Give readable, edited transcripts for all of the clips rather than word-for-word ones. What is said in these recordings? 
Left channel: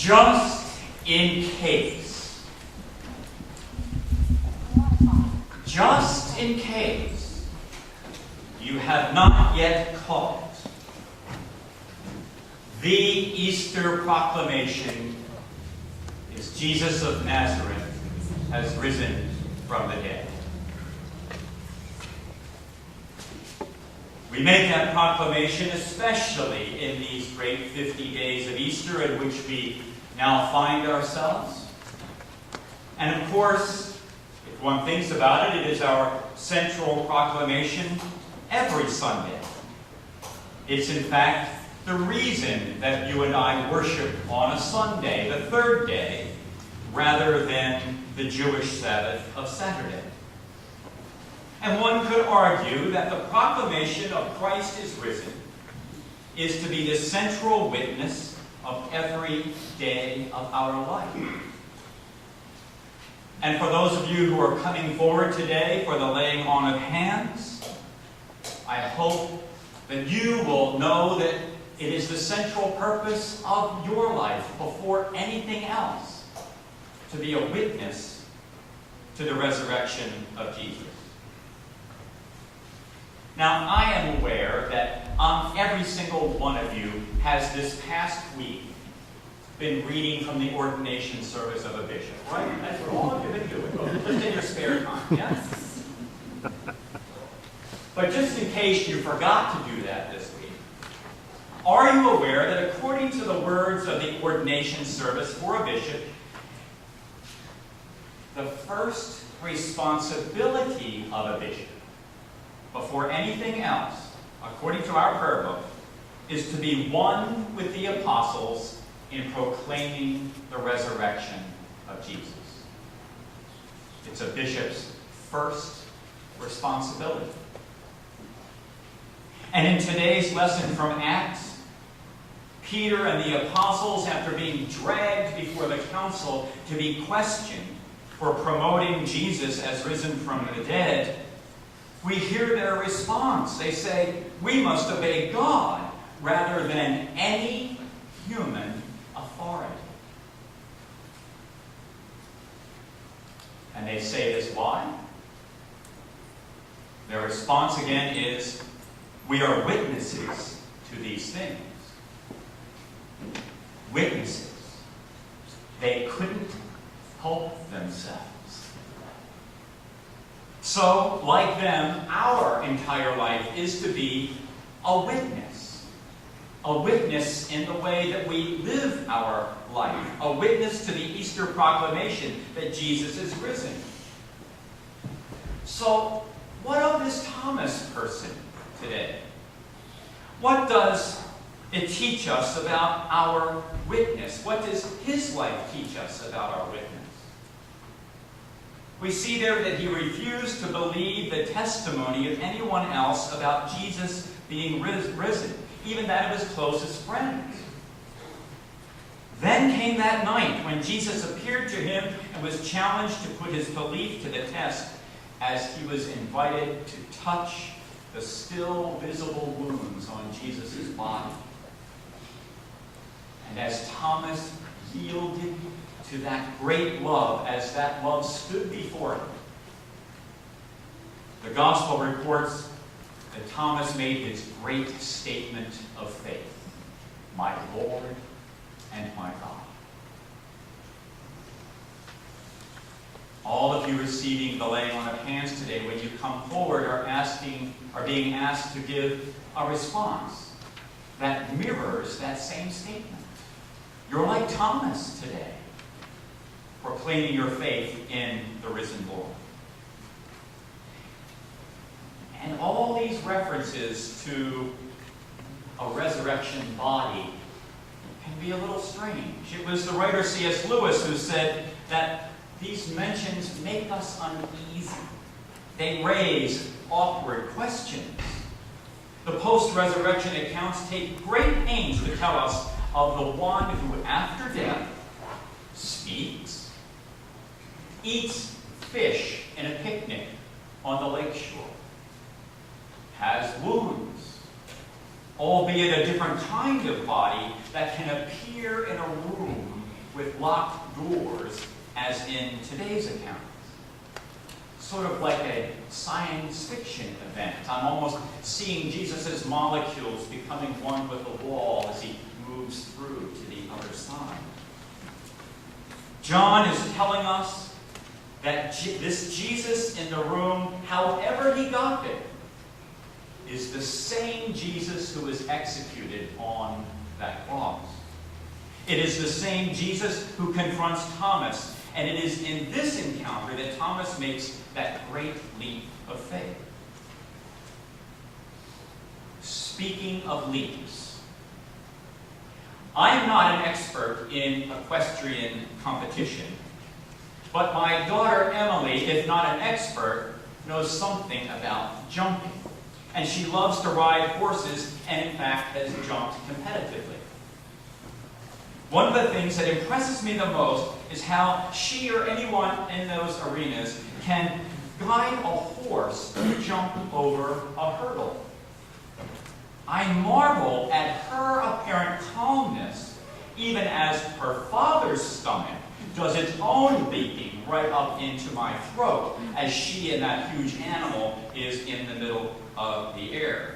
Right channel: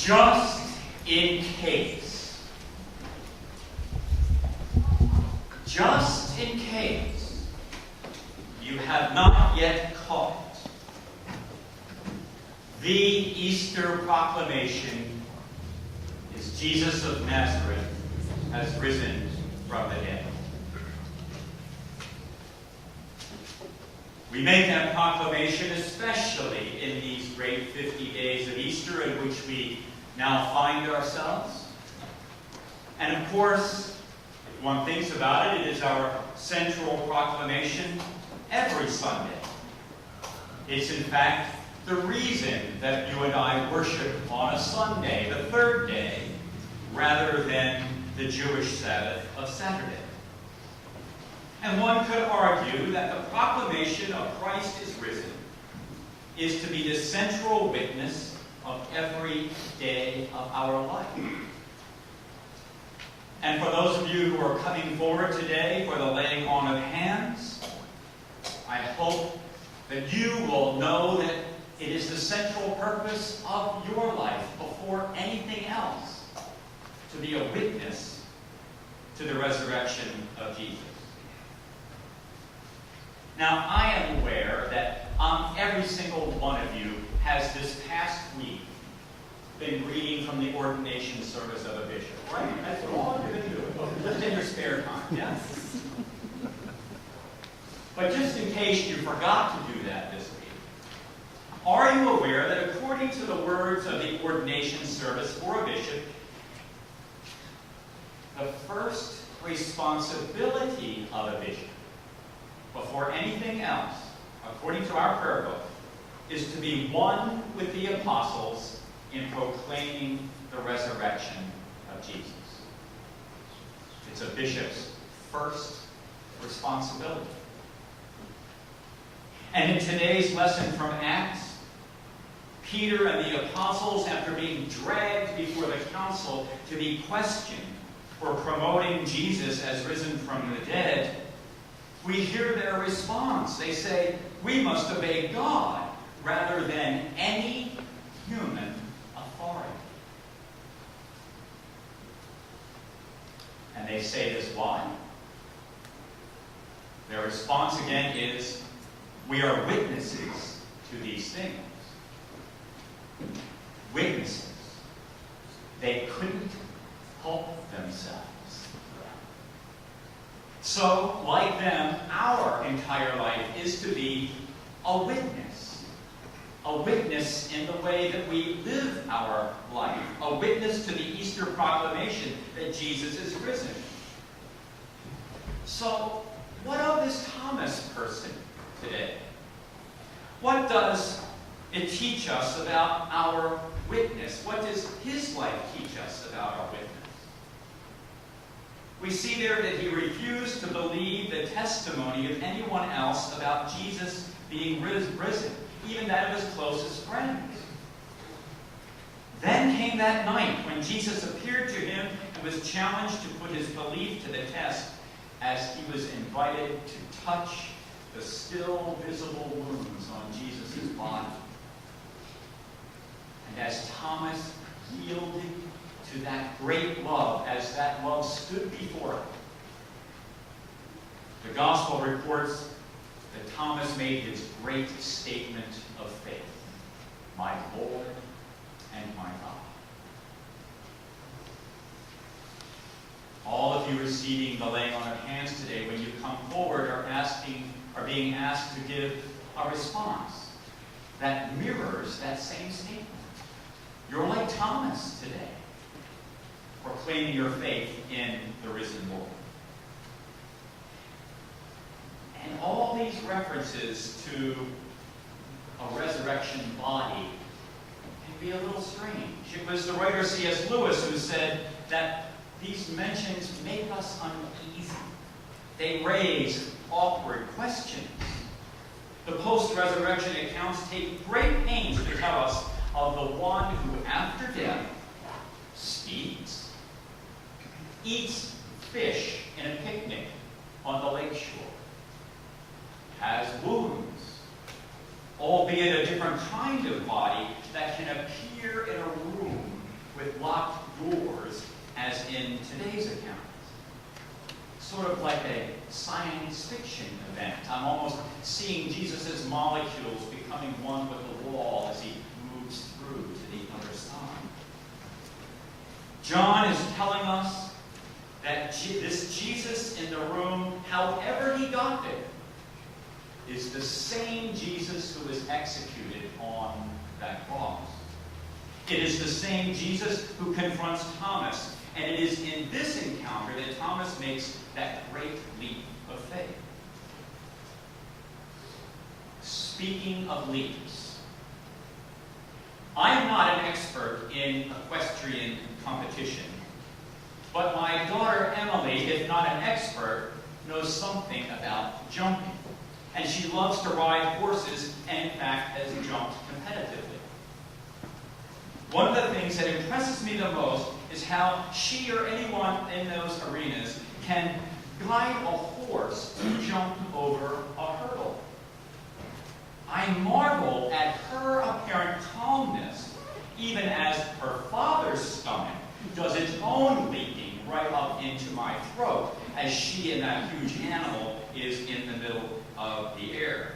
Just in case. Just in case you have not yet caught it, the Easter proclamation is Jesus of Nazareth has risen from the dead. We make that proclamation especially in these great 50 days of Easter in which we now find ourselves. And of course, if one thinks about it, it is our central proclamation every Sunday. It's in fact the reason that you and I worship on a Sunday, the third day, rather than the Jewish Sabbath of Saturday. And one could argue that the proclamation of Christ is risen is to be the central witness of every day of our life. And for those of you who are coming forward today for the laying on of hands, I hope that you will know that it is the central purpose of your life before anything else to be a witness to the resurrection of Jesus. Now, I am aware that every single one of you has this past week been reading from the ordination service of a bishop, right? That's what all of you have been doing. Just in your spare time, yes? But just in case you forgot to do that this week, are you aware that according to the words of the ordination service for a bishop, the first responsibility of a bishop, before anything else, according to our prayer book, is to be one with the apostles in proclaiming the resurrection of Jesus. It's a bishop's first responsibility. And in today's lesson from Acts, Peter and the apostles, after being dragged before the council to be questioned for promoting Jesus as risen from the dead, we hear their response. They say, we must obey God rather than any human authority. And they say this why? Their response again is, we are witnesses to these things. Witnesses. They couldn't help themselves. So, like them, our entire life is to be a witness. A witness in the way that we live our life. A witness to the Easter proclamation that Jesus is risen. So, what of this Thomas person today? What does it teach us about our witness? What does his life teach us about our witness? We see there that he refused to believe the testimony of anyone else about Jesus being risen, even that of his closest friends. Then came that night when Jesus appeared to him and was challenged to put his belief to the test as he was invited to touch the still visible wounds on Jesus' body. And as Thomas yielded to that great love, as that love stood before him, the Gospel reports that Thomas made his great statement of faith. My Lord and my God. All of you receiving the laying on of hands today, when you come forward, are being asked to give a response that mirrors that same statement. You're like Thomas today, proclaiming your faith in the risen Lord. And all these references to a resurrection body can be a little strange. It was the writer C.S. Lewis who said that these mentions make us uneasy. They raise awkward questions. The post-resurrection accounts take great pains to tell us of the one who, after death, speaks, eats fish in a picnic on the lakeshore, has wounds, albeit a different kind of body that can appear in a room with locked doors as in today's account. Sort of like a science fiction event. I'm almost seeing Jesus' molecules becoming one with the wall as he moves through to the other side. John is telling us that this Jesus in the room, however he got there, is the same Jesus who was executed on that cross. It is the same Jesus who confronts Thomas, and it is in this encounter that Thomas makes that great leap of faith. Speaking of leaps, I'm not an expert in equestrian competition, but my daughter Emily, if not an expert, knows something about jumping. And she loves to ride horses and, in fact, has jumped competitively. One of the things that impresses me the most is how she or anyone in those arenas can guide a horse to jump over a hurdle. I marvel at her apparent calmness, even as her father's stomach does its own leaping right up into my throat as she and that huge animal is in the middle of the air.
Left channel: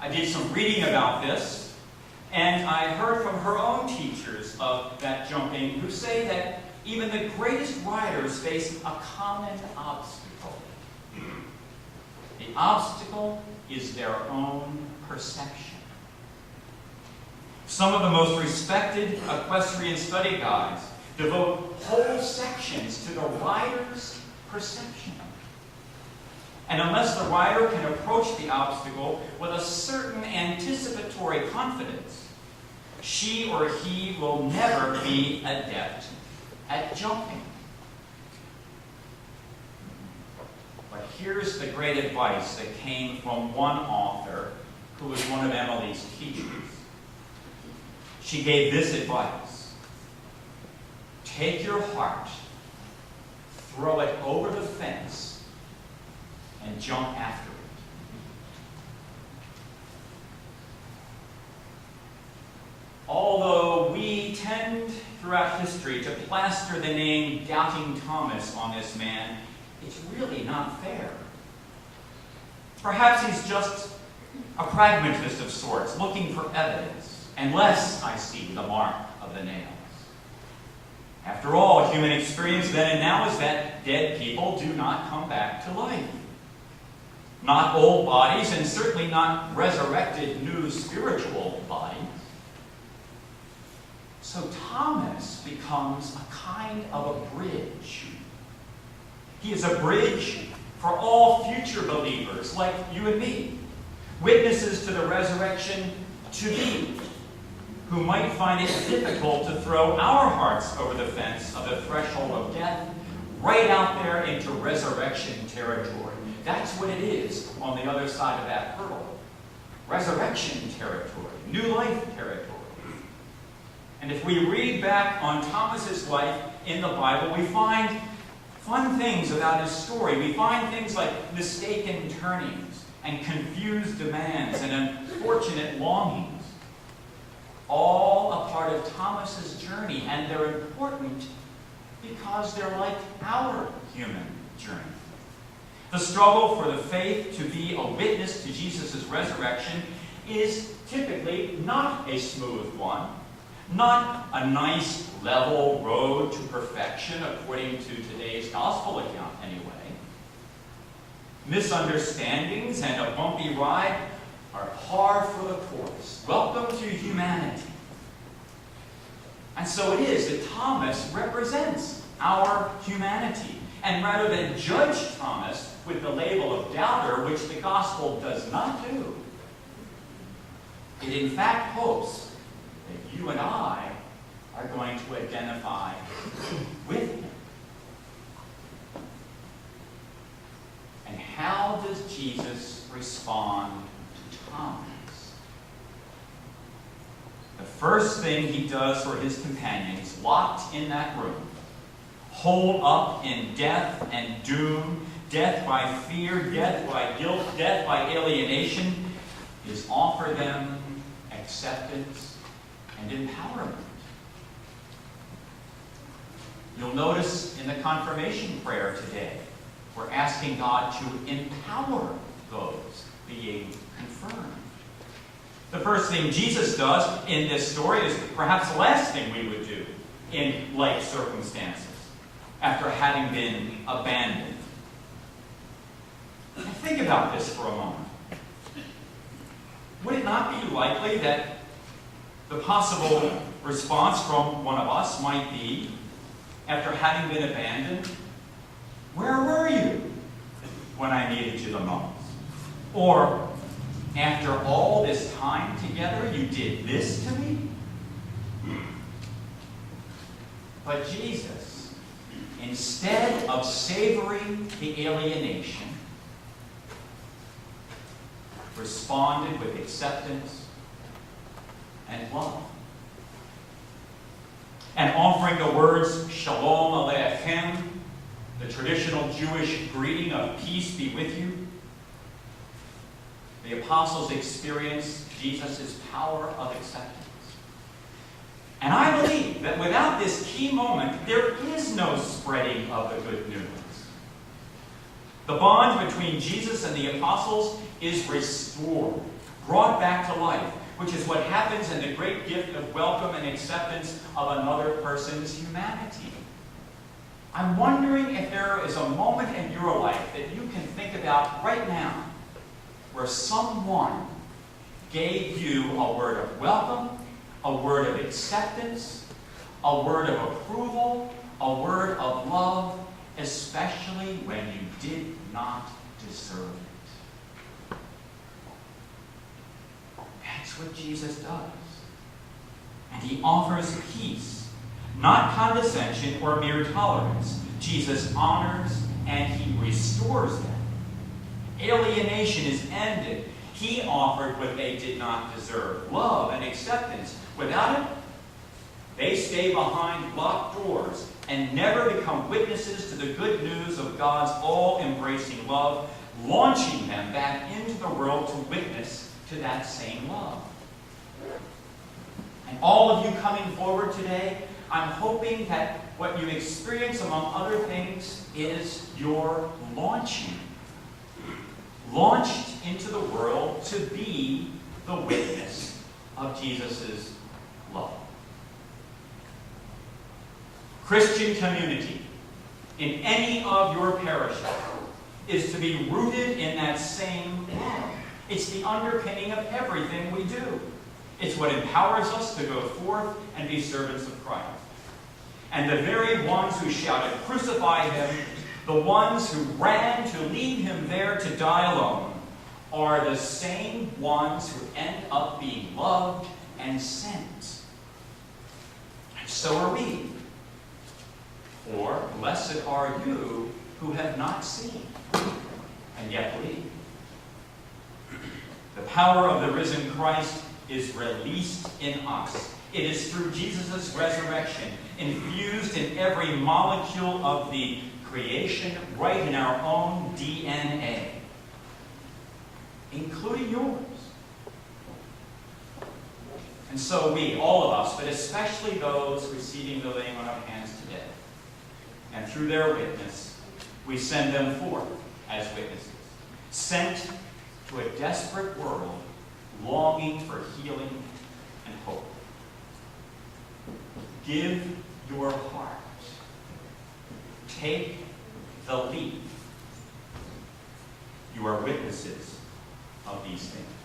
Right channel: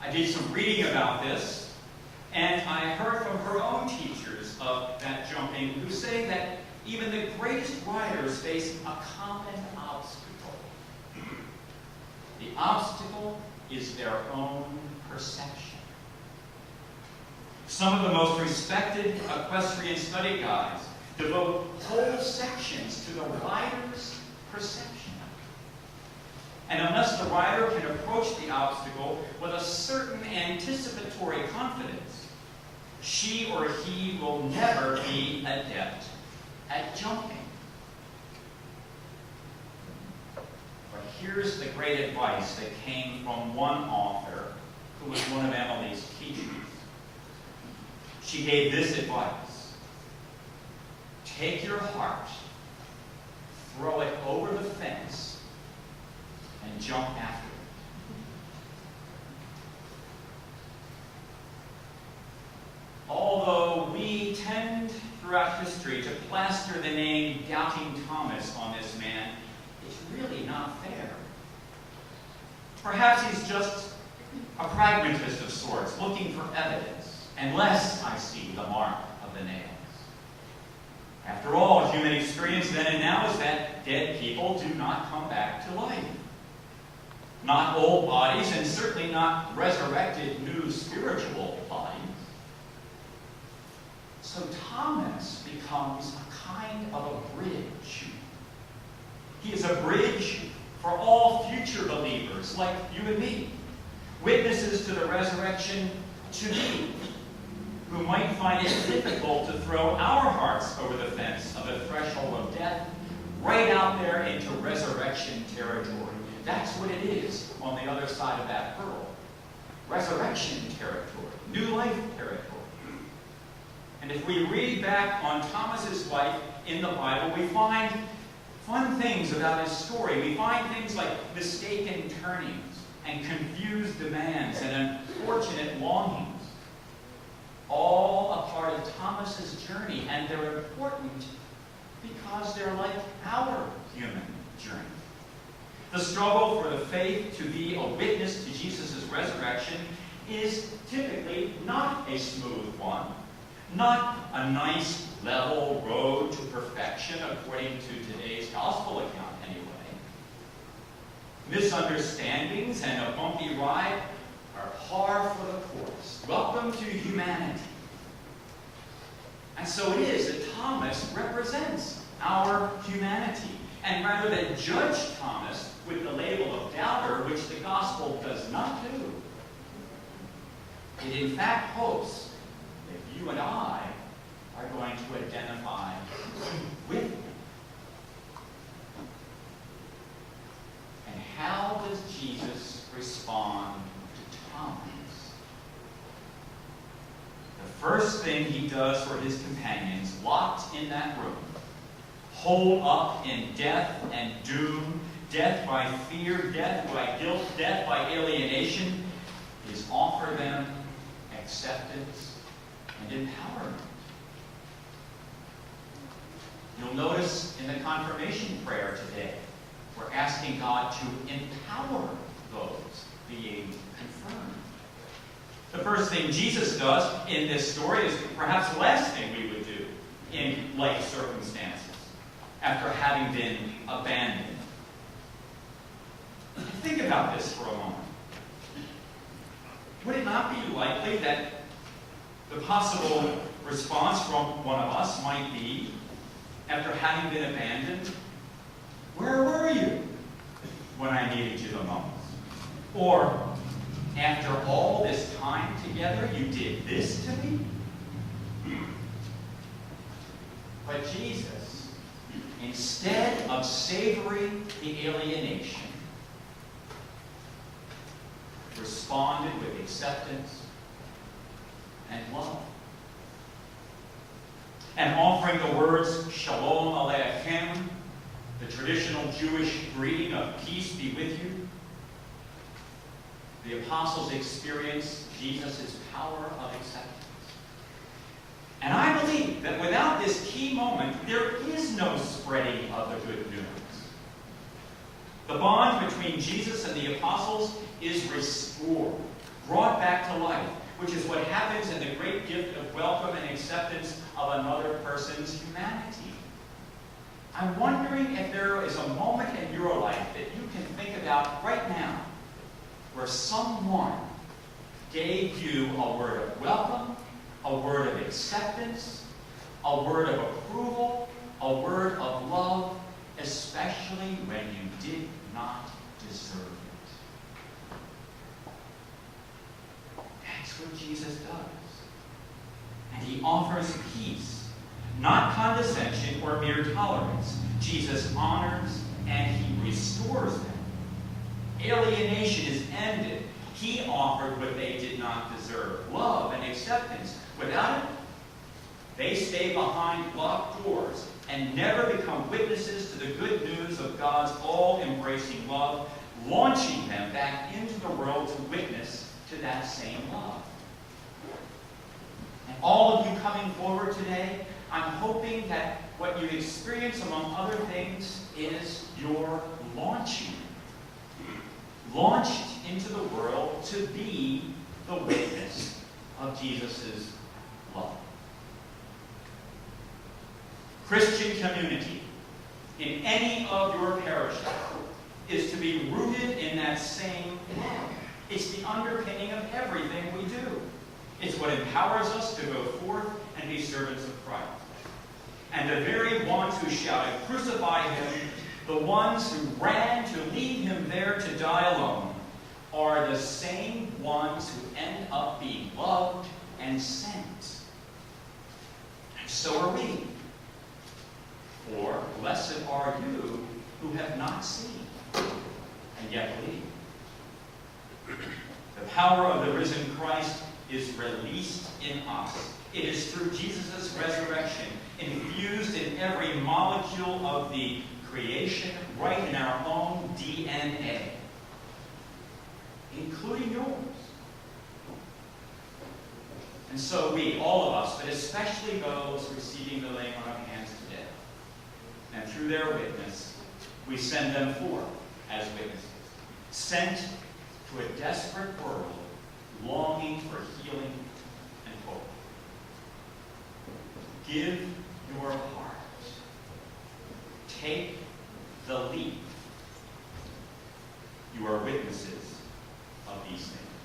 I did some reading about this, and I heard from her own teachers of that jumping who say that even the greatest riders face a common obstacle. The obstacle is their own perception. Some of the most respected equestrian study guides devote whole sections to the rider's perception. And unless the rider can approach the obstacle with a certain anticipatory confidence, she or he will never be adept at jumping. But here's the great advice that came from one author who was one of Emily's teachers. She gave this advice: take your heart, throw it over the fence, and jump after it. Although we tend throughout history to plaster the name Doubting Thomas on this man, it's really not fair. Perhaps he's just a pragmatist of sorts, looking for evidence, unless I see the mark of the nails. After all, human experience then and now is that dead people do not come back to life. Not old bodies, and certainly not resurrected new spiritual bodies. So Thomas becomes a kind of a bridge. He is a bridge for all future believers like you and me, witnesses to the resurrection to be, who might find it difficult to throw our hearts over the fence of the threshold of death right out there into resurrection territory. That's what it is on the other side of that hurdle. Resurrection territory, new life territory. And if we read back on Thomas's life in the Bible, we find fun things about his story. We find things like mistaken turnings and confused demands and unfortunate longings. All a part of Thomas's journey, and they're important because they're like our human journey. The struggle for the faith to be a witness to Jesus' resurrection is typically not a smooth one, not a nice, level road to perfection according to today's gospel account anyway. Misunderstandings and a bumpy ride are par for the course. Welcome to humanity. And so it is that Thomas represents our humanity. And rather than judge Thomas with the label of doubter, which the gospel does not do, it in fact hopes that you and I are going to identify with him. And how does Jesus respond to Thomas? The first thing he does for his companions, locked in that room, holed up in death and doom, death by fear, death by guilt, death by alienation, is offer them acceptance and empowerment. You'll notice in the confirmation prayer today, we're asking God to empower those being confirmed. The first thing Jesus does in this story is perhaps the last thing we would do in like circumstances after having been abandoned. Think about this for a moment. Would it not be likely that the possible response from one of us might be, after having been abandoned, where were you when I needed you the most? Or, after all this time together, you did this to me? But Jesus, instead of savoring the alienation, responded with acceptance and love. And offering the words, Shalom Aleichem, the traditional Jewish greeting of peace be with you, the apostles experienced Jesus' power of acceptance. And I believe that without this key moment, there is no spreading of the good news. The bond between Jesus and the apostles is restored, brought back to life, which is what happens in the great gift of welcome and acceptance of another person's humanity. I'm wondering if there is a moment in your life that you can think about right now where someone gave you a word of welcome, a word of acceptance, a word of approval, a word of love, especially when you did not deserve it. That's what Jesus does. And he offers peace, not condescension or mere tolerance. Jesus honors and he restores them. Alienation is ended. He offered what they did not deserve, love and acceptance. Without it, they stay behind locked doors and never become witnesses to the good news of God's all-embracing love, launching them back into the world to witness to that same love. And all of you coming forward today, I'm hoping that what you experience, among other things, is your launching. Launched into the world to be the witness of Jesus' love. Christian community in any of your parishes is to be rooted in that same love. It's the underpinning of everything we do. It's what empowers us to go forth and be servants of Christ. And the very ones who shouted, "Crucify him," the ones who ran to leave him there to die alone, are the same ones who end up being loved and sent. And so are we. For blessed are you who have not seen and yet believe. The power of the risen Christ is released in us. It is through Jesus' resurrection, infused in every molecule of the creation, right in our own DNA, including yours. And so we, all of us, but especially those receiving the laying on of hands today, and through their witness, we send them forth as witnesses, sent to a desperate world longing for healing and hope. Give your heart. Take the lead. You are witnesses of these things.